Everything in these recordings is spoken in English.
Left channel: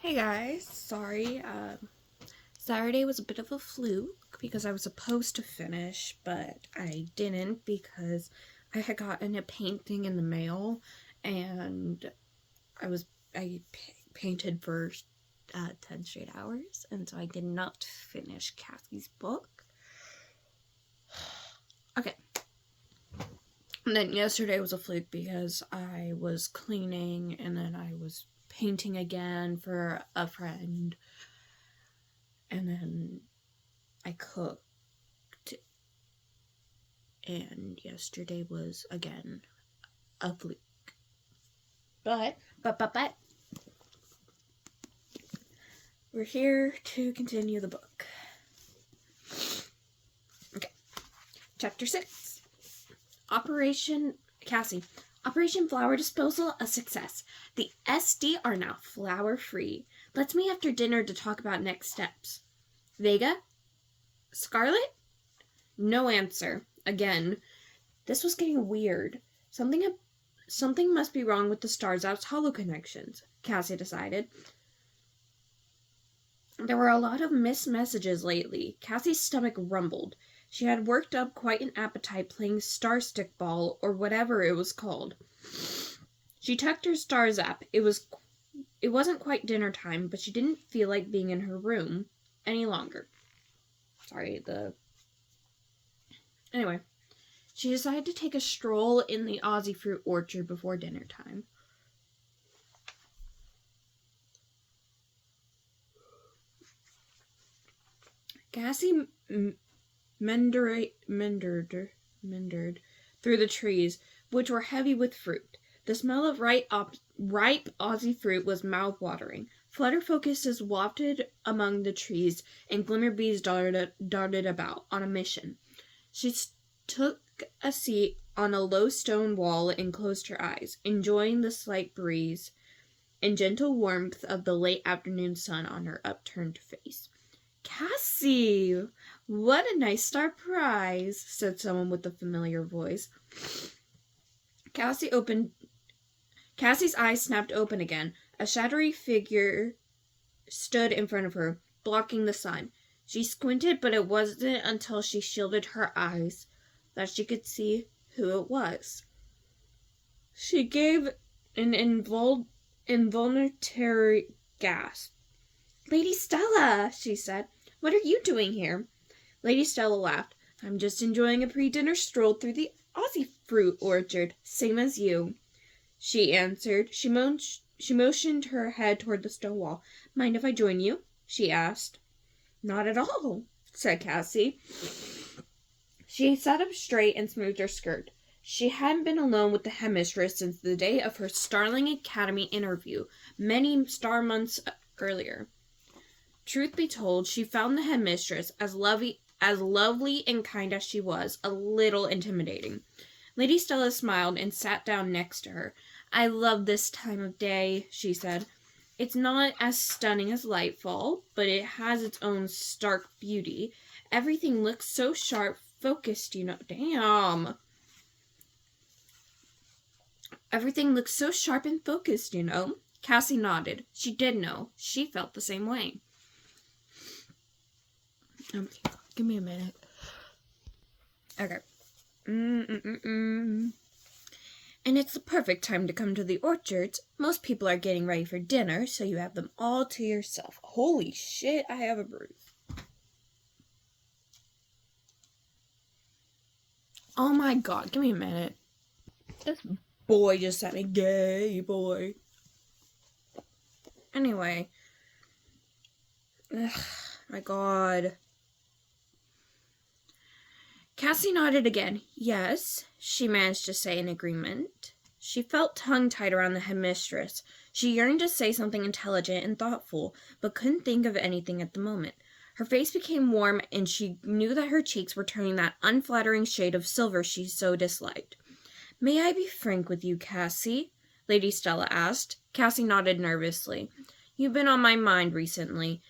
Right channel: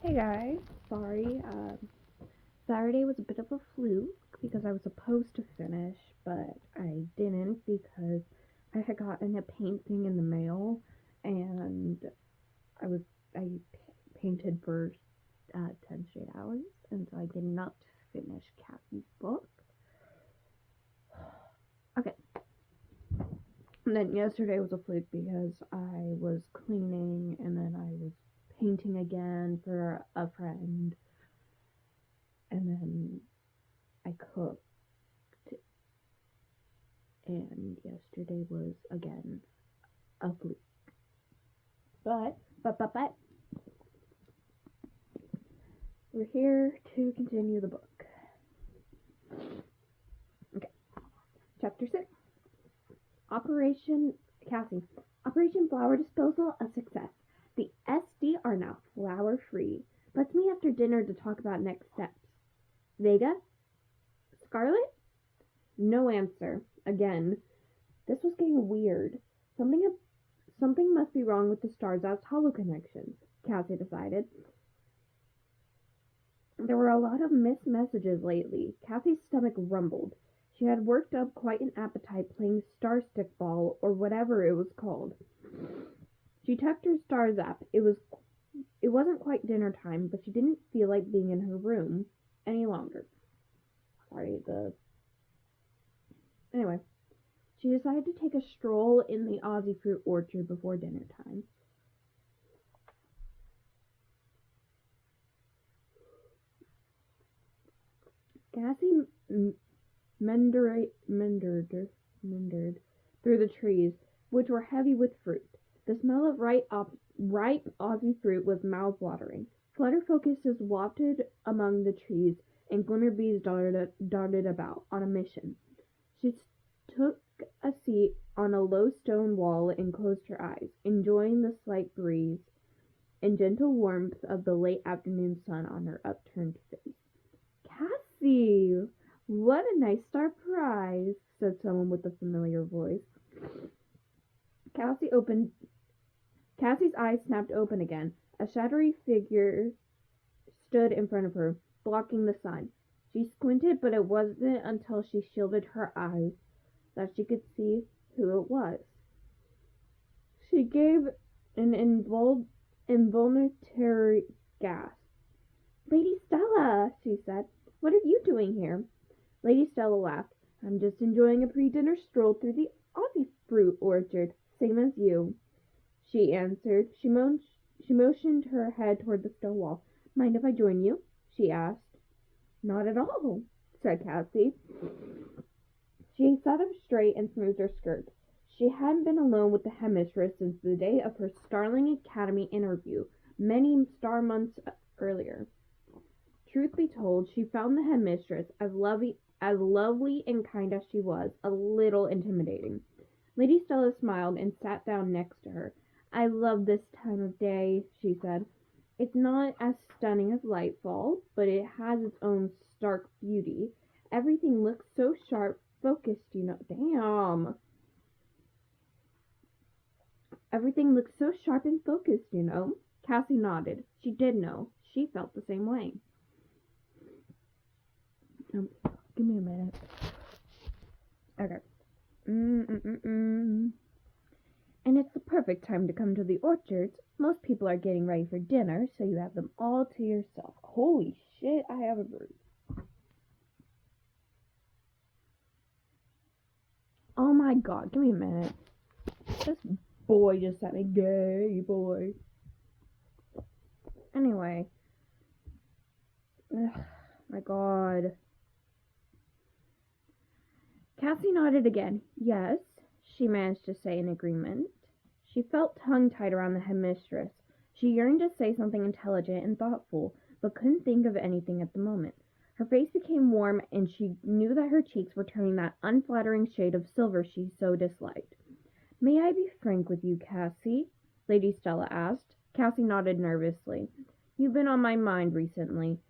Hey guys, sorry. Saturday was a bit of a fluke because I was supposed to finish, but I didn't because I had gotten a painting in the mail, and I painted for 10 straight hours, and so I did not finish Cassie's book. Okay. And then yesterday was a fluke because I was cleaning and then I was painting again for a friend. And then I cooked. And yesterday was again a fluke. But we're here to continue the book. Okay. Chapter 6. Operation Flower Disposal a success. The SD are now flower free. Let's meet after dinner to talk about next steps. Vega? Scarlet? No answer. Again. This was getting weird. Something must be wrong with the Stars Out's holo connections, Cassie decided. There were a lot of missed messages lately. Cassie's stomach rumbled. She had worked up quite an appetite playing Star Stick Ball, or whatever it was called. She tucked her stars up. It wasn't quite dinner time, but she didn't feel like being in her room any longer. Anyway, she decided to take a stroll in the Aussie fruit orchard before dinner time. Cassie mendered through the trees, which were heavy with fruit. The smell of ripe Aussie fruit was mouth-watering. Flutter focuses wafted among the trees, and glimmer bees darted about, on a mission. She took a seat on a low stone wall and closed her eyes, enjoying the slight breeze and gentle warmth of the late afternoon sun on her upturned face. Cassie! What a nice surprise, said someone with a familiar voice. Cassie's eyes snapped open again. A shadowy figure stood in front of her, blocking the sun. She squinted, but it wasn't until she shielded her eyes that she could see who it was. She gave an involuntary gasp. Lady Stella, she said. What are you doing here? Lady Stella laughed. I'm just enjoying a pre-dinner stroll through the Aussie fruit orchard, same as you, she answered. She motioned her head toward the stone wall. Mind if I join you? She asked. Not at all, said Cassie. She sat up straight and smoothed her skirt. She hadn't been alone with the headmistress since the day of her Starling Academy interview, many star months earlier. Truth be told, she found the headmistress, as lovely and kind as she was, a little intimidating. Lady Stella smiled and sat down next to her. I love this time of day, she said. It's not as stunning as Lightfall, but it has its own stark beauty. Everything looks so sharp, focused, Damn. Everything looks so sharp and focused, Cassie nodded. She did know. She felt the same way. Give me a minute. Okay. And it's the perfect time to come to the orchards. Most people are getting ready for dinner, so you have them all to yourself. Holy shit, I have a bruise. Oh my god, give me a minute. This boy just said me gay boy. Anyway. Ugh, my god. Cassie nodded again. Yes, she managed to say in agreement. She felt tongue-tied around the headmistress. She yearned to say something intelligent and thoughtful, but couldn't think of anything at the moment. Her face became warm, and she knew that her cheeks were turning that unflattering shade of silver she so disliked. May I be frank with you, Cassie? Lady Stella asked. Cassie nodded nervously. You've been on my mind recently.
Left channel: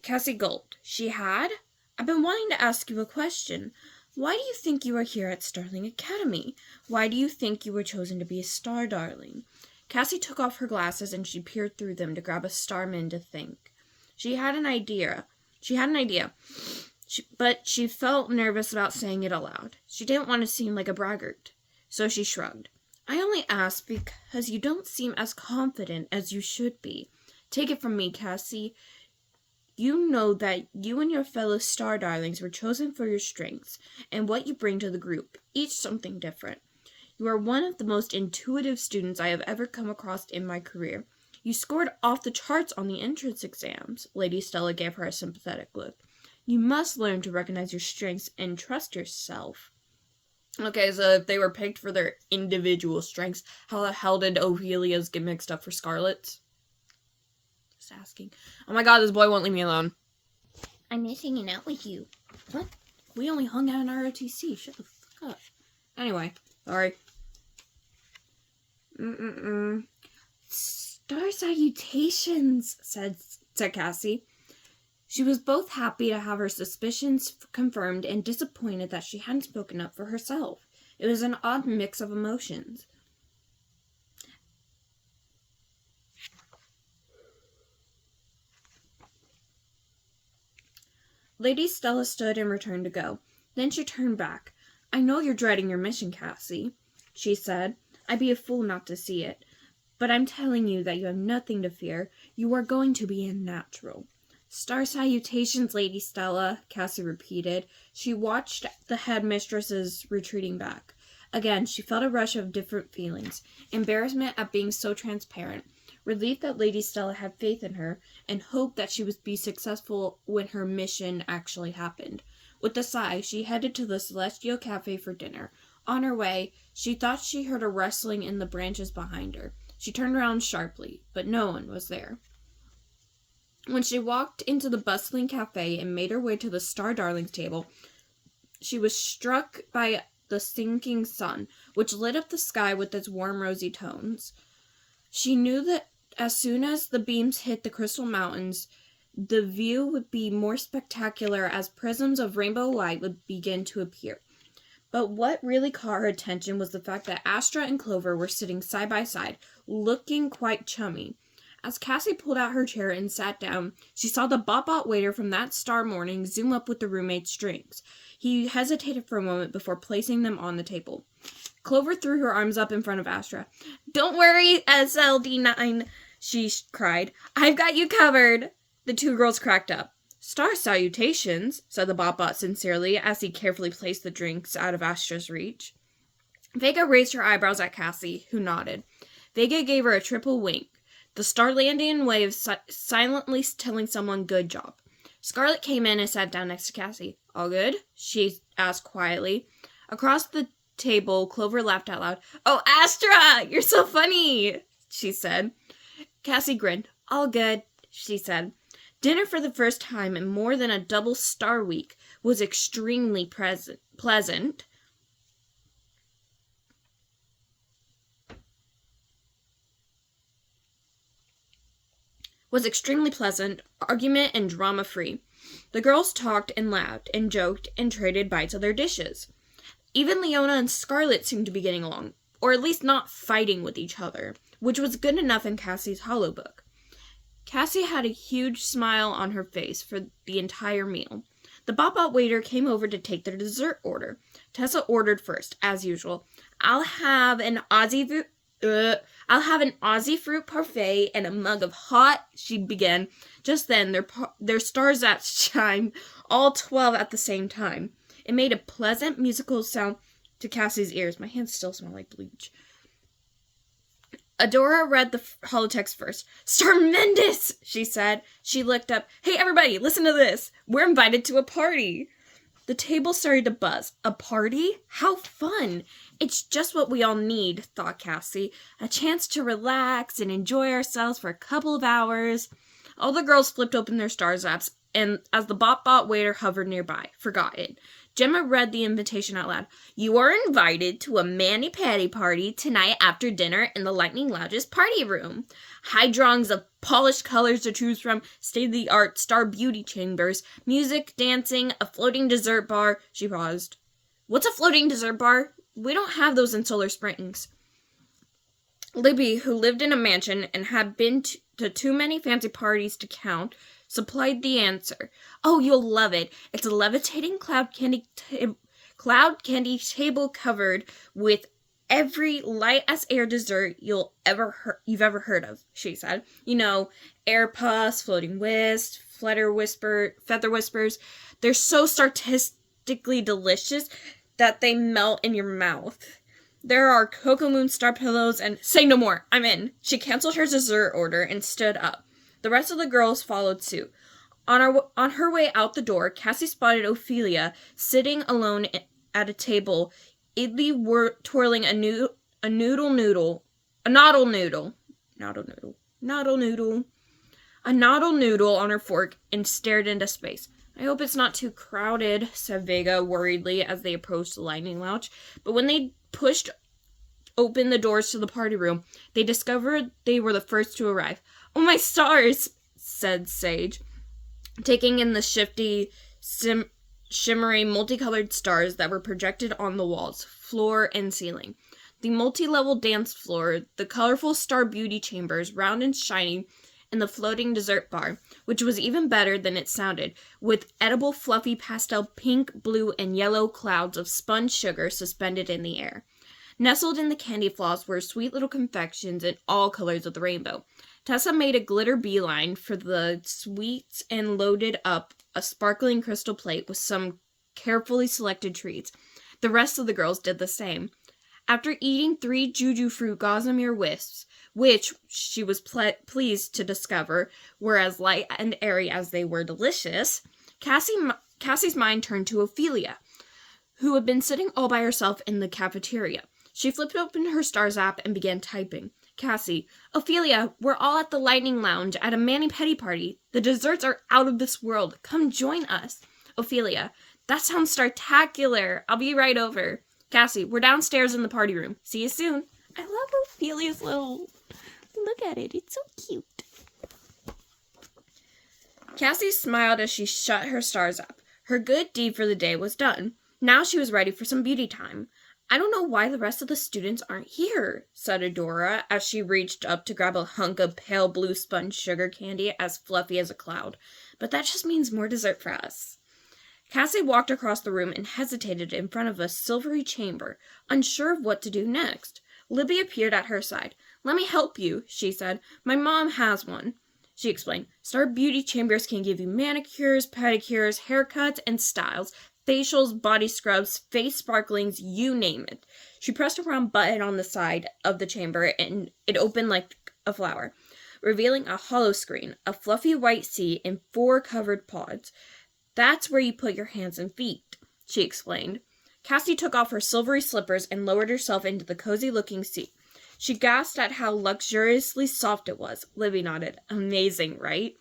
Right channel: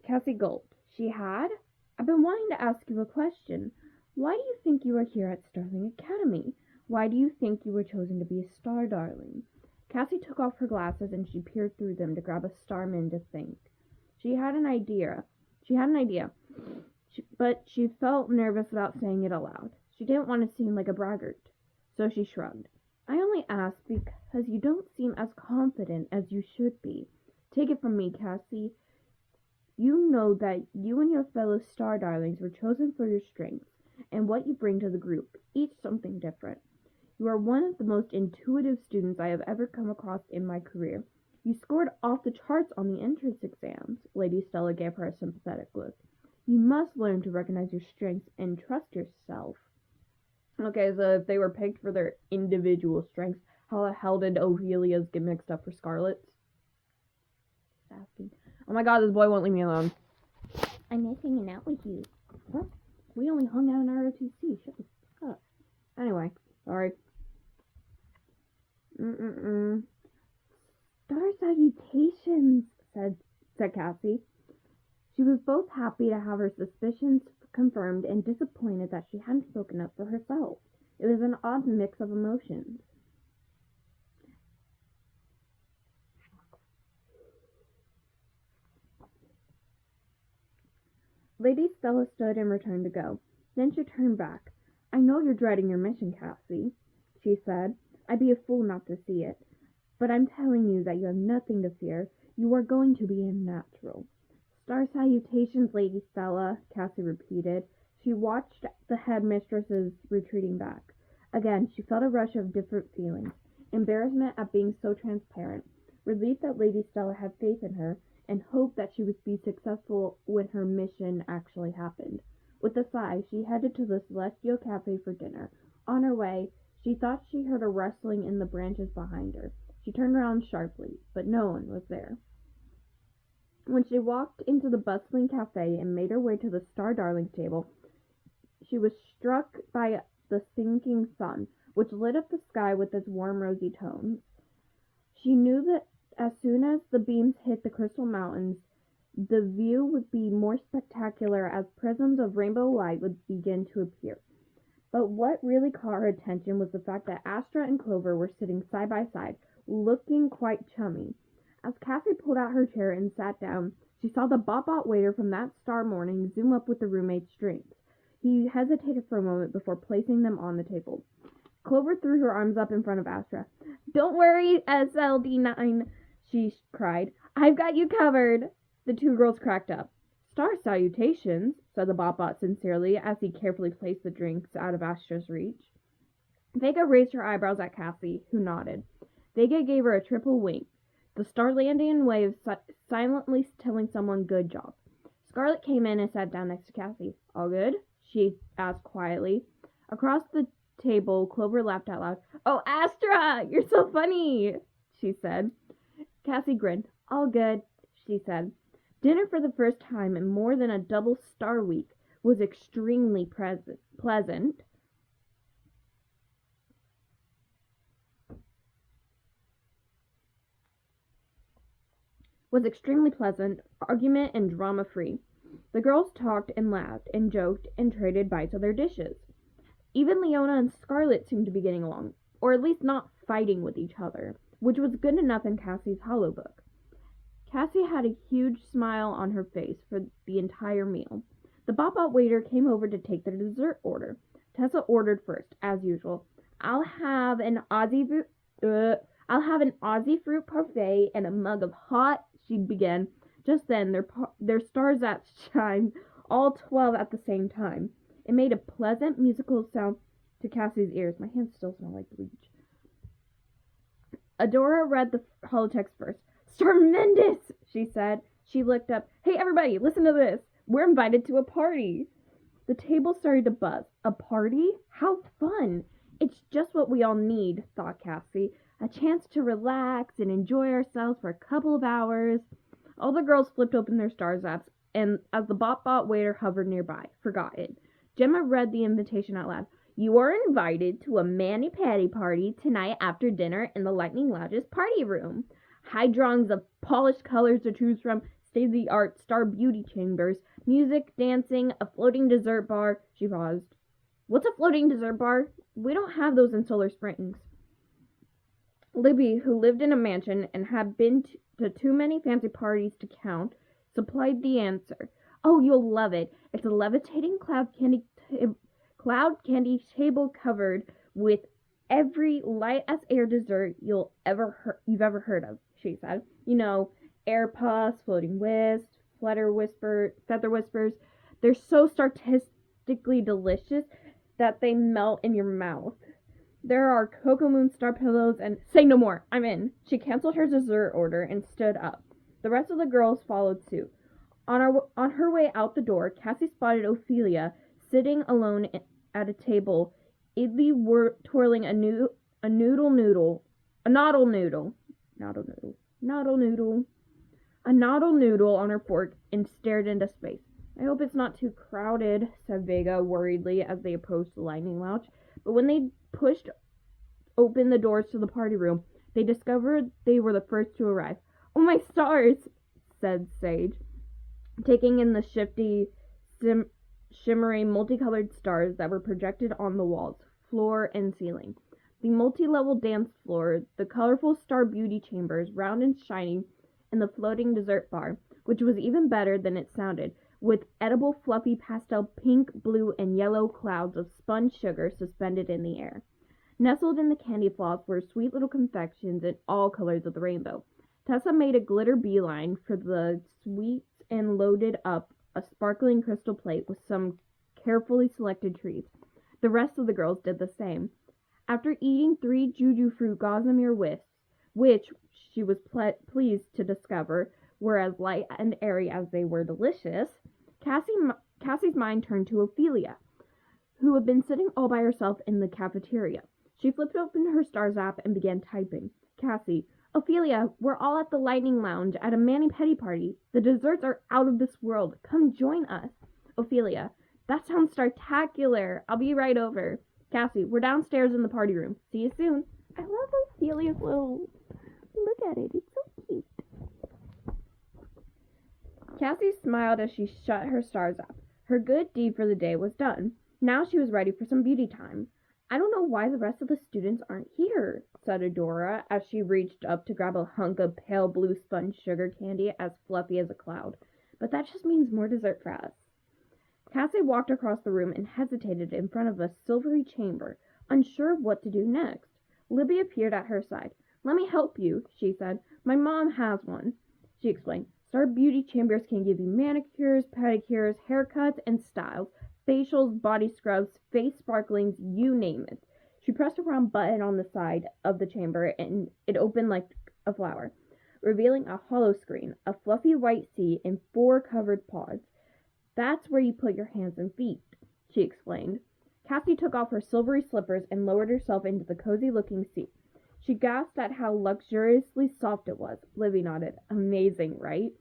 Cassie gulped. She had? I've been wanting to ask you a question. Why do you think you are here at Starling Academy? Why do you think you were chosen to be a star darling? Cassie took off her glasses and she peered through them to grab a Starman to think. She had an idea, but she felt nervous about saying it aloud. She didn't want to seem like a braggart, so she shrugged. I only asked because you don't seem as confident as you should be. Take it from me, Cassie. You know that you and your fellow star darlings were chosen for your strengths and what you bring to the group, each something different. You are one of the most intuitive students I have ever come across in my career. You scored off the charts on the entrance exams. Lady Stella gave her a sympathetic look. You must learn to recognize your strengths and trust yourself. Okay, so if they were picked for their individual strengths, how the hell did Ophelia's get mixed up for Scarlet's? Just asking. Oh my god, this boy won't leave me alone. I miss hanging out with you. What? We only hung out in ROTC. Shut the fuck up. Anyway, sorry. Star salutations, said Cassie. She was both happy to have her suspicions confirmed and disappointed that she hadn't spoken up for herself. It was an odd mix of emotions. Lady Stella stood and returned to go. Then she turned back. I know you're dreading your mission, Cassie, she said. I'd be a fool not to see it. But I'm telling you that you have nothing to fear. You are going to be a natural. Star salutations, Lady Stella, Cassie repeated. She watched the headmistresses retreating back. Again, she felt a rush of different feelings. Embarrassment at being so transparent, relief that Lady Stella had faith in her, and hope that she would be successful when her mission actually happened. With a sigh, she headed to the Celestial Cafe for dinner. On her way, she thought she heard a rustling in the branches behind her. She turned around sharply, but no one was there. When she walked into the bustling cafe and made her way to the Star Darlings table, she was struck by the sinking sun, which lit up the sky with its warm rosy tones. She knew that as soon as the beams hit the crystal mountains, the view would be more spectacular as prisms of rainbow light would begin to appear. But what really caught her attention was the fact that Astra and Clover were sitting side by side, looking quite chummy. As Cassie pulled out her chair and sat down, she saw the bot waiter from that star morning zoom up with the roommate's drinks. He hesitated for a moment before placing them on the table. Clover threw her arms up in front of Astra. Don't worry, SLD9, she cried. I've got you covered. The two girls cracked up. Star salutations, said the bot sincerely as he carefully placed the drinks out of Astra's reach. Vega raised her eyebrows at Cassie, who nodded. Vega gave her a triple wink, the Starlandian way of silently telling someone good job. Scarlet came in and sat down next to Cassie. All good? She asked quietly. Across the table, Clover laughed out loud. Oh, Astra! You're so funny! She said. Cassie grinned. All good, she said. Dinner for the first time in more than a double star week was extremely pleasant. Argument and drama-free. The girls talked and laughed and joked and traded bites of their dishes. Even Leona and Scarlet seemed to be getting along, or at least not fighting with each other, which was good enough in Cassie's hollow book. Cassie had a huge smile on her face for the entire meal. The bot waiter came over to take their dessert order. Tessa ordered first, as usual. I'll have an Aussie fruit parfait and a mug of hot, she began. Just then, their star zaps chimed, all 12 at the same time. It made a pleasant musical sound to Cassie's ears. My hands still smell like bleach. Adora read the holotext first. Starmendous, she said. She looked up. Hey, everybody, listen to this. We're invited to a party. The table started to buzz. A party? How fun. It's just what we all need, thought Cassie. A chance to relax and enjoy ourselves for a couple of hours. All the girls flipped open their star zaps, and as the bot waiter hovered nearby, forgot it. Gemma read the invitation out loud. You are invited to a mani-pedi party tonight after dinner in the Lightning Lounge's party room. High drawings of polished colors to choose from, state-of-the-art star beauty chambers, music, dancing, a floating dessert bar. She paused. What's a floating dessert bar? We don't have those in Solar Springs. Libby, who lived in a mansion and had been to too many fancy parties to count, supplied the answer. Oh, you'll love it. It's a levitating cloud candy table covered with every light as air dessert you've ever heard of, she said. You know, air puffs, floating wisps, feather whispers. They're so statistically delicious that they melt in your mouth. There are Cocoa Moon Star pillows and say no more, I'm in. She canceled her dessert order and stood up. The rest of the girls followed suit. On her way out the door, Cassie spotted Ophelia sitting alone at a table, idly twirling a noodle noodle on her fork and stared into space. I hope it's not too crowded, said Vega worriedly as they approached the lightning lounge. But when they pushed open the doors to the party room, they discovered they were the first to arrive. Oh my stars, said Sage, taking in the shimmery, multicolored stars that were projected on the walls, floor, and ceiling. The multi-level dance floor, the colorful star beauty chambers, round and shiny, and the floating dessert bar, which was even better than it sounded, with edible fluffy pastel pink, blue, and yellow clouds of spun sugar suspended in the air. Nestled in the candy floss were sweet little confections in all colors of the rainbow. Tessa made a glitter beeline for the sweets and loaded up a sparkling crystal plate with some carefully selected treats. The rest of the girls did the same. After eating 3 Juju fruit gossamer wisps, which she was pleased to discover were as light and airy as they were delicious, Cassie's mind turned to Ophelia, who had been sitting all by herself in the cafeteria. She flipped open her Stars app and began typing. Cassie, Ophelia, we're all at the Lightning Lounge at a mani-pedi party. The desserts are out of this world. Come join us. Ophelia, that sounds startacular. I'll be right over. Cassie, we're downstairs in the party room. See you soon. I love Ophelia's little... Look at it. It's so cute. Cassie smiled as she shut her Stars app. Her good deed for the day was done. Now she was ready for some beauty time. I don't know why the rest of the students aren't here, said Adora as she reached up to grab a hunk of pale blue sponge sugar candy as fluffy as a cloud. But that just means more dessert for us. Cassie walked across the room and hesitated in front of a silvery chamber, unsure of what to do next. Libby appeared at her side. Let me help you, she said. My mom has one. She explained. Star Beauty Chambers can give you manicures, pedicures, haircuts, and styles, facials, body scrubs, face sparklings, you name it. She pressed a round button on the side of the chamber and it opened like a flower, revealing a hollow screen, a fluffy white seat, and 4 covered pods. That's where you put your hands and feet, she explained. Cassie took off her silvery slippers and lowered herself into the cozy-looking seat. She gasped at how luxuriously soft it was. Libby nodded. Amazing, right?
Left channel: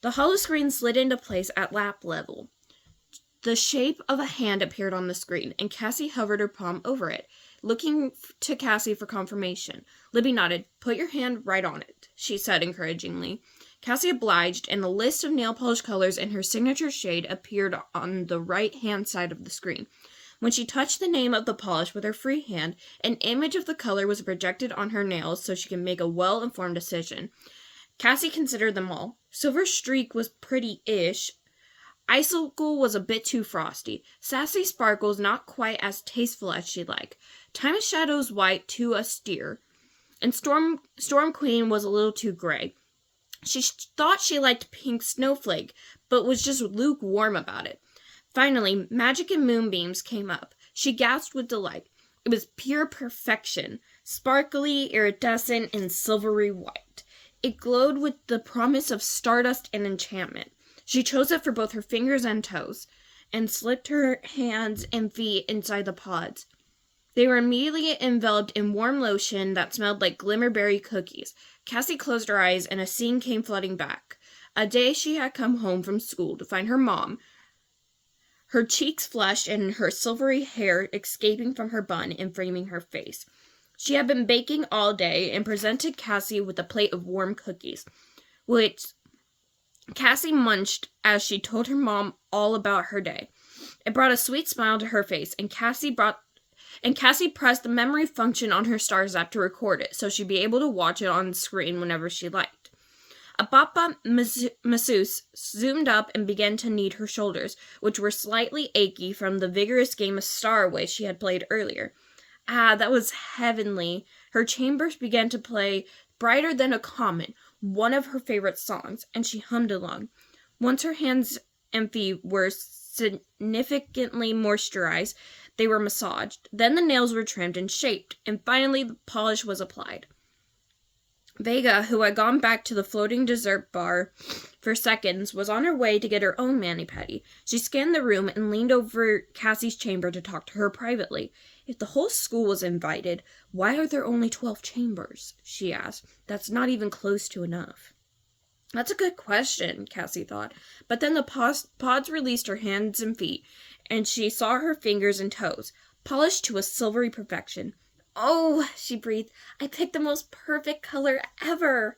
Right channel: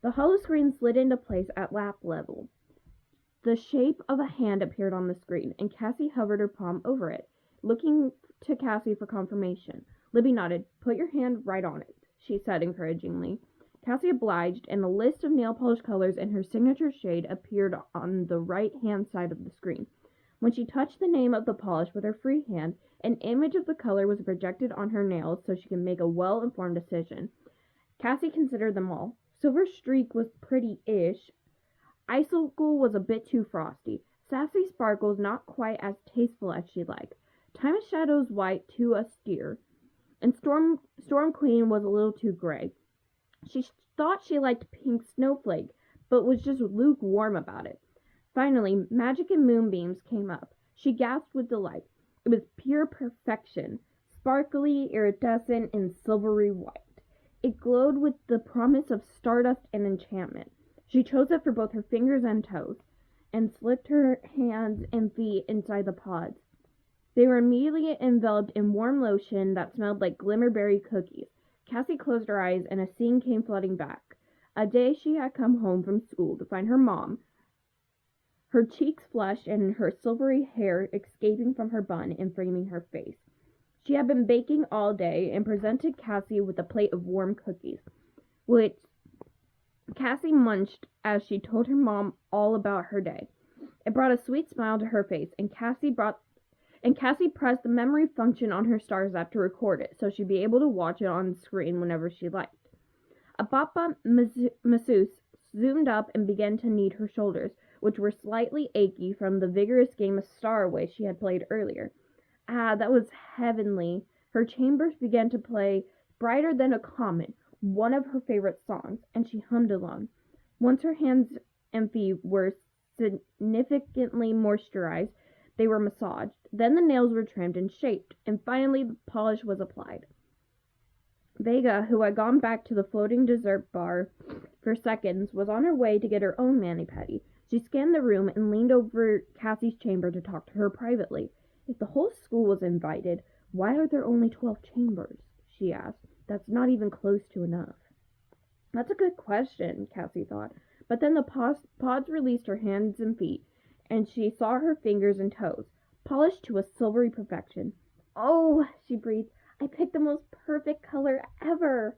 The hollow screen slid into place at lap level. The shape of a hand appeared on the screen, and Cassie hovered her palm over it, looking to Cassie for confirmation. Libby nodded. Put your hand right on it, she said encouragingly. Cassie obliged, and the list of nail polish colors in her signature shade appeared on the right-hand side of the screen. When she touched the name of the polish with her free hand, an image of the color was projected on her nails so she could make a well-informed decision. Cassie considered them all. Silver Streak was pretty-ish. Icicle was a bit too frosty. Sassy Sparkles not quite as tasteful as she'd like. Time of Shadows White too austere. And Storm Queen was a little too gray. She thought she liked Pink Snowflake, but was just lukewarm about it. Finally, Magic and Moonbeams came up. She gasped with delight. It was pure perfection, sparkly, iridescent, and silvery white. It glowed with the promise of stardust and enchantment. She chose it for both her fingers and toes, and slipped her hands and feet inside the pods. They were immediately enveloped in warm lotion that smelled like glimmerberry cookies. Cassie closed her eyes, and a scene came flooding back. A day she had come home from school to find her mom, her cheeks flushed and her silvery hair escaping from her bun and framing her face. She had been baking all day and presented Cassie with a plate of warm cookies, which Cassie munched as she told her mom all about her day. It brought a sweet smile to her face, and and Cassie pressed the memory function on her Stars app to record it, so she'd be able to watch it on screen whenever she liked. A bop-bop masseuse zoomed up and began to knead her shoulders, which were slightly achy from the vigorous game of Star Away she had played earlier. Ah, that was heavenly. Her chambers began to play Brighter Than a Comet, one of her favorite songs, and she hummed along. Once her hands and feet were significantly moisturized, they were massaged. Then the nails were trimmed and shaped, and finally the polish was applied. Vega, who had gone back to the floating dessert bar for seconds, was on her way to get her own mani-pedi. She scanned the room and leaned over Cassie's chamber to talk to her privately. If the whole school was invited, why are there only 12 chambers? She asked. That's not even close to enough. That's a good question, Cassie thought. But then the pods released her hands and feet, and she saw her fingers and toes, polished to a silvery perfection. Oh, she breathed, I picked the most perfect color ever.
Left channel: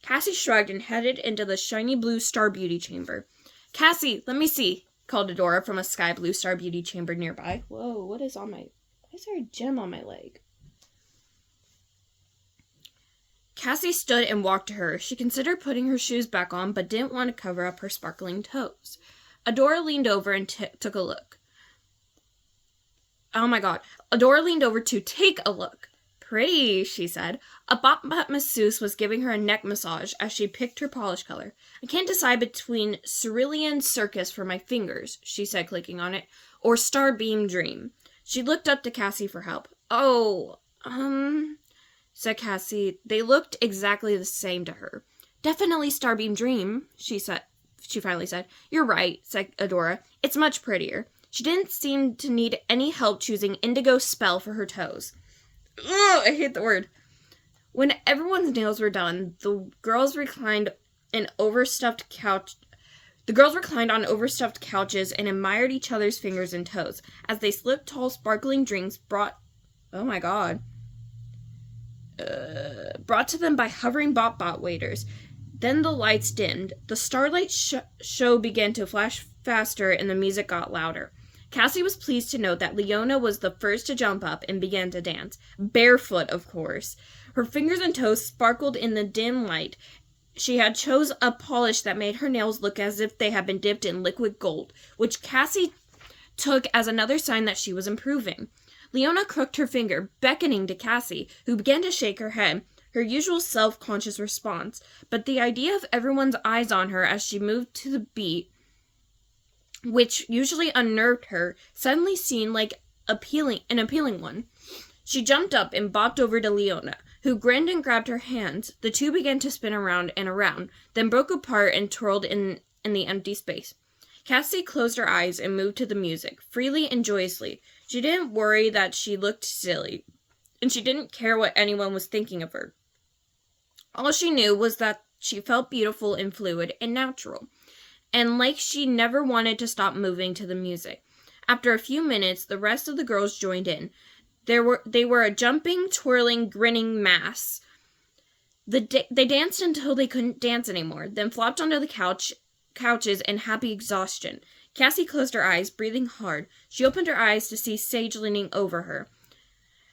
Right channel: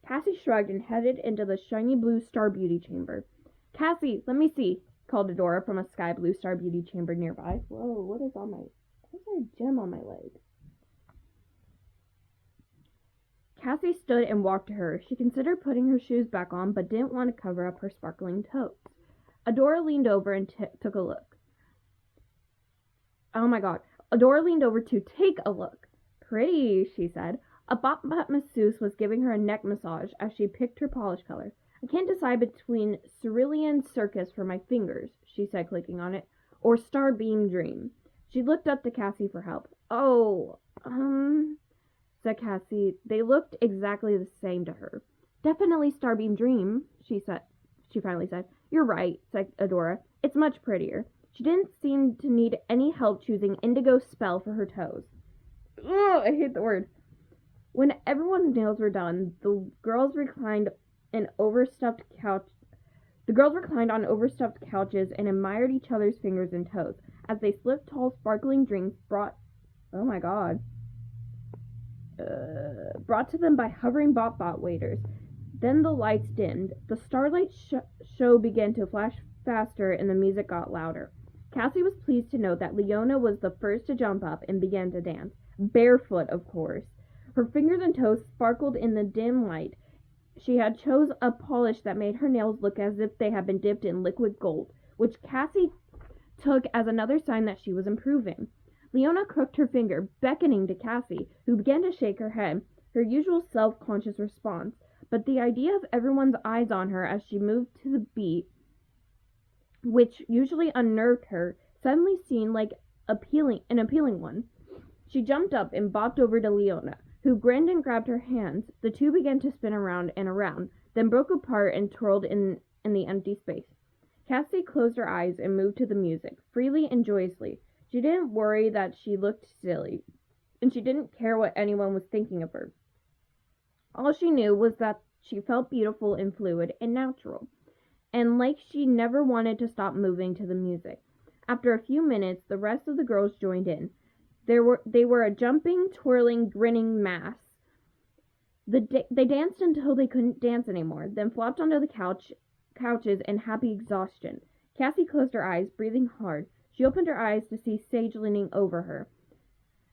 Cassie shrugged and headed into the shiny blue Star Beauty chamber. Cassie, let me see, called Adora from a sky blue Star Beauty chamber nearby. Whoa, why is there a gem on my leg? Cassie stood and walked to her. She considered putting her shoes back on, but didn't want to cover up her sparkling toes. Adora leaned over and took a look. Oh my god. Adora leaned over to take a look. Pretty, she said. A bop-bop masseuse was giving her a neck massage as she picked her polish color. I can't decide between Cerulean Circus for my fingers, she said, clicking on it, or Starbeam Dream. She looked up to Cassie for help. Oh, said Cassie. They looked exactly the same to her. Definitely Starbeam Dream, she finally said. You're right, said Adora. It's much prettier. She didn't seem to need any help choosing Indigo Spell for her toes. Ugh, I hate the word. When everyone's nails were done, the girls reclined on overstuffed couches and admired each other's fingers and toes as they slipped tall sparkling drinks brought to them by hovering bot waiters. Then the lights dimmed. The starlight show began to flash faster and the music got louder. Cassie was pleased to note that Leona was the first to jump up and began to dance. Barefoot, of course. Her fingers and toes sparkled in the dim light. She had chose a polish that made her nails look as if they had been dipped in liquid gold, which Cassie took as another sign that she was improving. Leona crooked her finger, beckoning to Cassie, who began to shake her head, her usual self-conscious response, but the idea of everyone's eyes on her as she moved to the beat, which usually unnerved her, suddenly seemed like an appealing one. She jumped up and bopped over to Leona, who grinned and grabbed her hands. The two began to spin around and around, then broke apart and twirled in the empty space. Cassie closed her eyes and moved to the music, freely and joyously. She didn't worry that she looked silly, and she didn't care what anyone was thinking of her. All she knew was that she felt beautiful and fluid and natural, and like she never wanted to stop moving to the music. After a few minutes, the rest of the girls joined in. They were a jumping, twirling, grinning mass. They danced until they couldn't dance anymore, then flopped onto the couches in happy exhaustion. Cassie closed her eyes, breathing hard. She opened her eyes to see Sage leaning over her.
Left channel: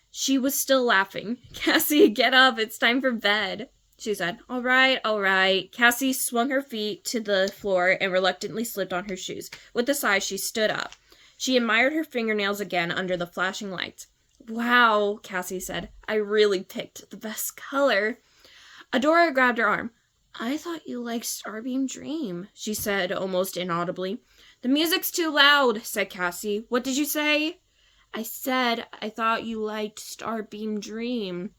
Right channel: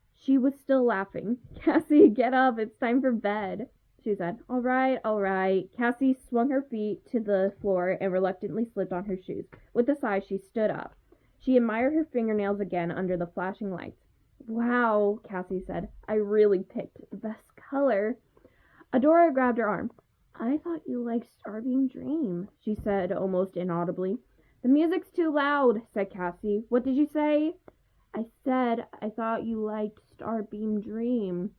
She was still laughing. Cassie, get up. It's time for bed, she said. All right. Cassie swung her feet to the floor and reluctantly slipped on her shoes. With a sigh, she stood up. She admired her fingernails again under the flashing lights. Wow, Cassie said. I really picked the best color. Adora grabbed her arm. I thought you liked Starbeam Dream, she said almost inaudibly. The music's too loud, said Cassie. What did you say? I said I thought you liked Starbeam Dream.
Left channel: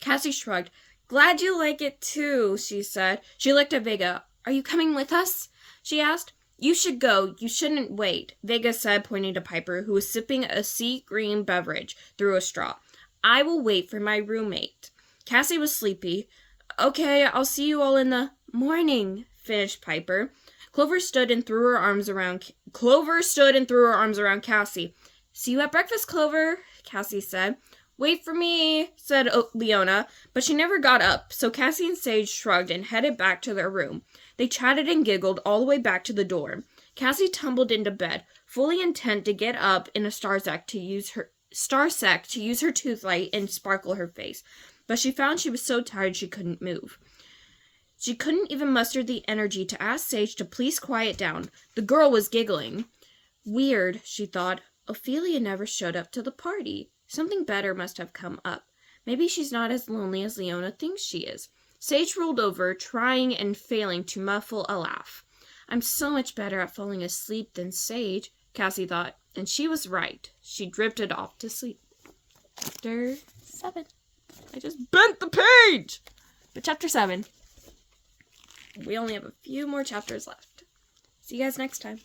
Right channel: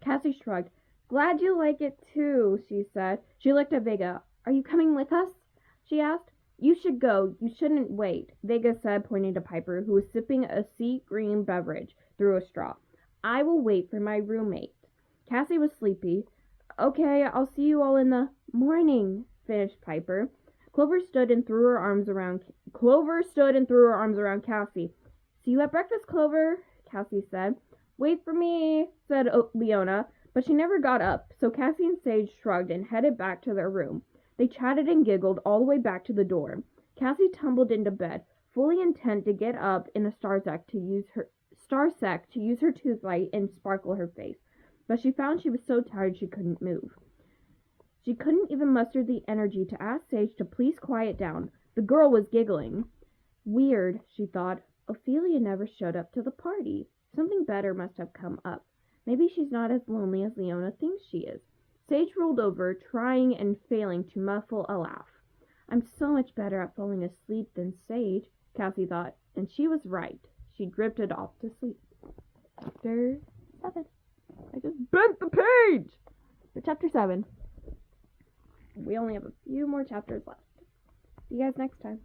Cassie shrugged. Glad you like it too, she said. She looked at Vega. Are you coming with us? She asked. You should go. You shouldn't wait, Vega said, pointing to Piper, who was sipping a sea green beverage through a straw. I will wait for my roommate. Cassie was sleepy. Okay, I'll see you all in the morning, finished Piper. Clover stood and threw her arms around Cassie. See you at breakfast, Clover, Cassie said. Wait for me, said Leona, but she never got up, so Cassie and Sage shrugged and headed back to their room. They chatted and giggled all the way back to the dorm. Cassie tumbled into bed, fully intent to get up in a Stars act to use Starsec to use her toothlight and sparkle her face, but she found she was so tired she couldn't move. She couldn't even muster the energy to ask Sage to please quiet down. The girl was giggling. Weird, she thought. Ophelia never showed up to the party. Something better must have come up. Maybe she's not as lonely as Leona thinks she is. Sage rolled over, trying and failing to muffle a laugh. I'm so much better at falling asleep than Sage, Cassie thought, and she was right. She drifted off to sleep. Chapter 7. I just bent the page! But chapter 7. We only have a few more chapters left. See you guys next time.